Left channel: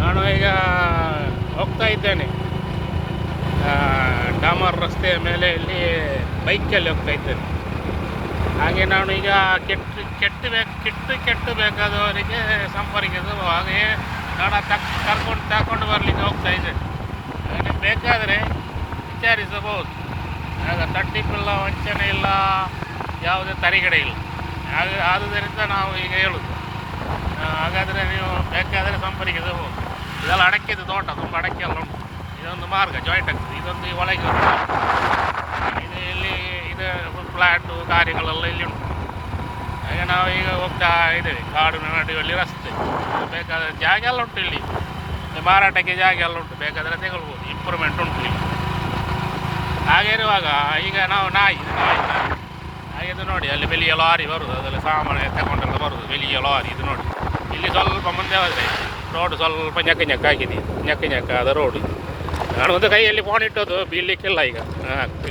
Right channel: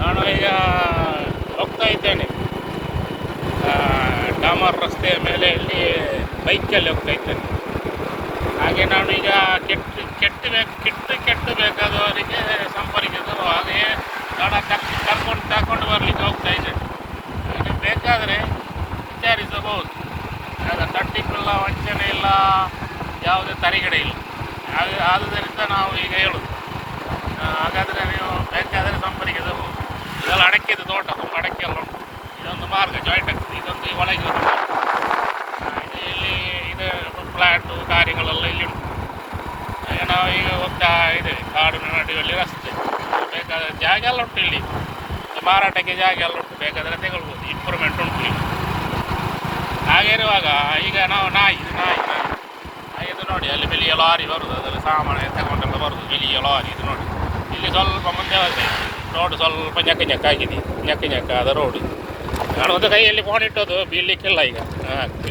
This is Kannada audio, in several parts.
ನಾನು ಈಗ ಹೋಗ್ತಾ ಇದ್ದೇನೆ ಡಾಮರ್ ರಸ್ತೆಯ ಮೇಲೆ ಇಲ್ಲಿ ಬೈಕಲ್ಲಿ ಹೋಗ್ತಾ ಇದ್ದೇನೆ. ಹಾಗೆ ನಾನು ಈಗ ಕೆಟ್ಟು ಬೇಕಾದವರಿಗೆ ಸಂಪರ್ಕಿಸು ಹಾಗೆಯೇ ನಾನು ತಗೊಂಡು ಬರಲಿಕ್ಕೆ ಹೋಗ್ತಾ ಇದ್ದೇನೆ. ನನಗೆ ಬೇಕಾದರೆ ವಿಚಾರಿಸಬಹುದು. ಆಗ ತಟ್ಟಿಲ್ಲ, ವಂಚನೆ ಇಲ್ಲ, ಯಾವುದೇ ತಡೆಗಡೆ ಇಲ್ಲ. ಹಾಗೆ ಆದುದರಿಂದ ನಾವು ಈಗ ಹೇಳೋದು, ಹಾಗಾದರೆ ನೀವು ಬೇಕಾದರೆ ಸಂಪರ್ಕಿಸಬಹುದು. ಇದೆಲ್ಲ ಅಡಕೆದು ತೋಟ, ತುಂಬ ಅಡಕೆ ಎಲ್ಲ ಉಂಟು. ಇದೊಂದು ಮಾರ್ಗ ಜಾಯಿಂಟ್ ಆಗ್ತದೆ. ಇದೊಂದು ಒಳಗೆ ಇಲ್ಲಿ ಇದು ಫ್ಲ್ಯಾಟು ಕಾರ್ಯಗಳೆಲ್ಲ ಇಲ್ಲಿ ಉಂಟು. ಹಾಗೆ ನಾವು ಈಗ ಹೋಗ್ತಾ ಇದ್ದೇವೆ. ಕಾಡಿನ ನಡುವಲ್ಲಿ ರಸ್ತೆ, ಬೇಕಾದರೆ ಜಾಗ ಎಲ್ಲ ಉಂಟು. ಇಲ್ಲಿ ಮಾರಾಟಕ್ಕೆ ಜಾಗ ಎಲ್ಲ ಉಂಟು, ಬೇಕಾದರೆ ತಗೊಳ್ಬೋದು. ಇಂಪ್ರೂವ್ಮೆಂಟ್ ಉಂಟು ಇಲ್ಲಿ. ಹಾಗೆ ಇರುವಾಗ ಈಗ ನಾವು ಇದು ನೋಡಿ, ಅಲ್ಲಿ ಬೆಲಿಯ ಲಾರಿ ಬರುದು, ಅದೆಲ್ಲ ಸಾಮಾನು ತಗೊಂಡೆಲ್ಲ ಬರುದು. ಬೆಲಿಯ ಲಾರಿ ಇದು ನೋಡಿ. ಇಲ್ಲಿ ಸ್ವಲ್ಪ ಮುಂದೆ ಹೋದರೆ ರೋಡು ಸ್ವಲ್ಪ ñಕ್ಕ ಆಗಿದೆ, ñಕ್ಕ ಆದ ರೋಡು. ನಾನು ಒಂದು ಕೈಯಲ್ಲಿ ಫೋನ್ ಇಟ್ಟದ್ದು ಬೀಳಲಿಕ್ಕಿಲ್ಲ. ಈಗ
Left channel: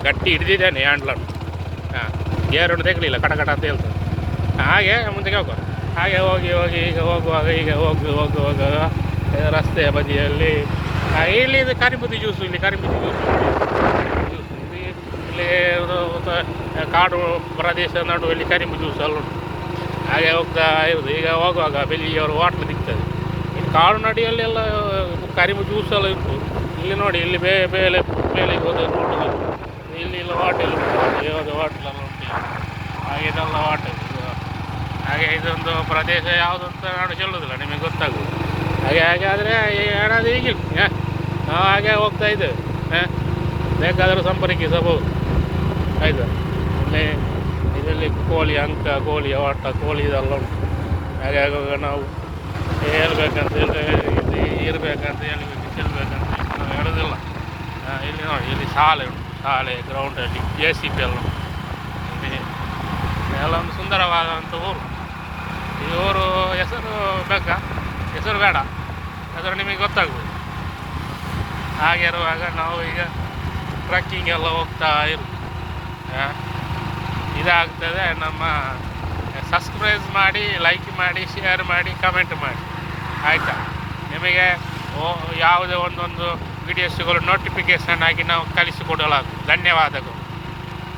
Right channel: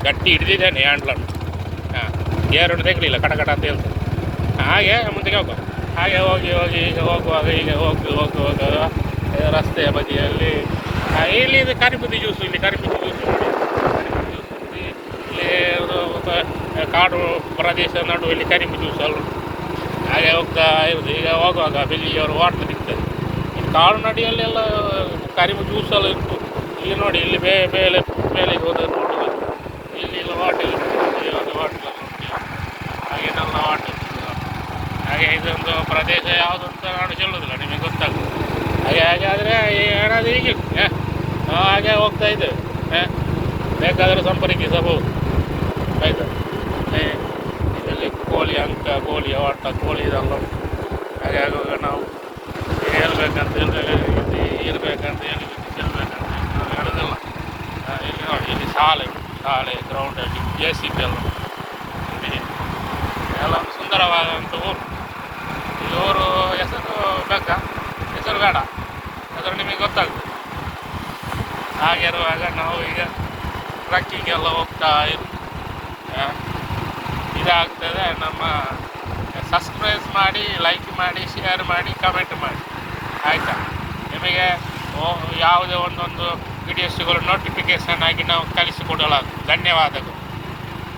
ಗಟ್ಟಿ ಹಿಡಿದಿದ್ದೇನೆ ಹ್ಯಾಂಡ್ಲನ್ನು. ಗೇರನ್ನು ತೆಗಲಿಲ್ಲ, ಕಟ ಅಂತ ಹೇಳ್ತದೆ. ಹಾಗೆ ಮುಂದಕ್ಕೆ ಹೋಗುವ. ಹಾಗೆ ಹೋಗಿ ಈಗ ಹೋಗುವಾಗ ರಸ್ತೆಯ ಬದಿಯಲ್ಲಿ ಇಲ್ಲಿ ಇದು ಕರಿಬುದ್ದಿ ಜ್ಯೂಸು. ಇಲ್ಲಿ ಕರಿಬುದ್ದಿ ಜ್ಯೂಸು ನೋಡಿ. ಇಲ್ಲಿ ಕಾಡು ಪ್ರದೇಶ ನಡುವಲ್ಲಿ ಕರಿಬು ಜ್ಯೂಸ್ ಎಲ್ಲ ಉಂಟು. ಹಾಗೆ ಹೋಗ್ತಾ ಇರೋದು. ಈಗ ಹೋಗುವಾಗ ಬೆಲ್ಲಿಯವರು ವಾಟರ್ ಸಿಗ್ತದೆ. ಇಲ್ಲಿ ಕಾಡು ನಡಿಯಲ್ಲೆಲ್ಲ ಕರಿಬು ಜ್ಯೂಸ್ ಎಲ್ಲ ಇತ್ತು. ಇಲ್ಲಿ ನೋಡಿ, ಇಲ್ಲಿ ಬೇಲೆಗೆ ಹೋದ ನೋಡೋದು. ಇಲ್ಲಿ ವಾಟರ್ ವಾಟರ್ ಎಲ್ಲ ಉಂಟು. ಹಾಗೇನೆಲ್ಲ ವಾಟರ್. ಹಾಗೆ ಇದೊಂದು ಪ್ರದೇಶ ಯಾವುದು ಅಂತ ನಾನು ಹೇಳೋದಿಲ್ಲ, ನಿಮಗೆ ಗೊತ್ತಾಗೋದು. ಹಾಗೆ ಆದರೆ ಏನಾದರೂ ಹೀಗೆ ನಾವು ಹಾಗೆ ಹೋಗ್ತಾ ಇದ್ದೇವೆ. ಬೇಕಾದರೂ ಸಂಪರ್ಕಿಸಬಹುದು. ಆಯಿತಾ? ಇದರಲ್ಲಿ ಕೋಳಿ ಅಂಕ, ಕೋಳಿ ಆಟ, ಕೋಳಿ ಇದೆಲ್ಲ ಉಂಟು. ಹಾಗೆ ಆಗುವಾಗ ನಾವು ಹೇಳ್ಬೇಕಂತ ಇರಬೇಕಂತ ಹೇಳೋದಿಲ್ಲ. ಇಲ್ಲಿ ನೋಡಿ, ಇಲ್ಲಿ ಶಾಲೆ ಉಂಟು. ಶಾಲೆ ಗ್ರೌಂಡಲ್ಲಿ JCB ಎಲ್ಲ ಎಲ್ಲ ಒಂದು ಸುಂದರವಾದಂಥ ಊರು. ಈ ಊರು ಹೆಸರು ಬೇಕಾ? ಹೆಸರು ಬೇಡ, ಹೆಸರು ನಿಮಗೆ ಗೊತ್ತಾಗ್ಬೋದು. ಹಾಗೆ ಇರುವಾಗ ನಾವು ಈಗ ಟ್ರಕ್ಕಿಂಗ್ ಎಲ್ಲ ಹೋಗ್ತಾ ಇದಾಗ್ತದೆ. ನಮ್ಮ ಸಬ್ಸ್ಕ್ರೈಬ್ ಮಾಡಿ, ಲೈಕ್ ಮಾಡಿ, ಶೇರ್ ಮಾಡಿ, ಕಮೆಂಟ್ ಮಾಡಿ. ಆಯಿತಾ? ನಿಮಗೆ ಯಾವುದೇ ಒಂದೊಂದು ವಿಡಿಯೋಸ್ಗಳು ನೋಟಿಫಿಕೇಷನ್ ಆಗಿ ನಾವು ಕಳಿಸಿಕೊಡಲಾಗುವುದು. ಧನ್ಯವಾದಗಳು.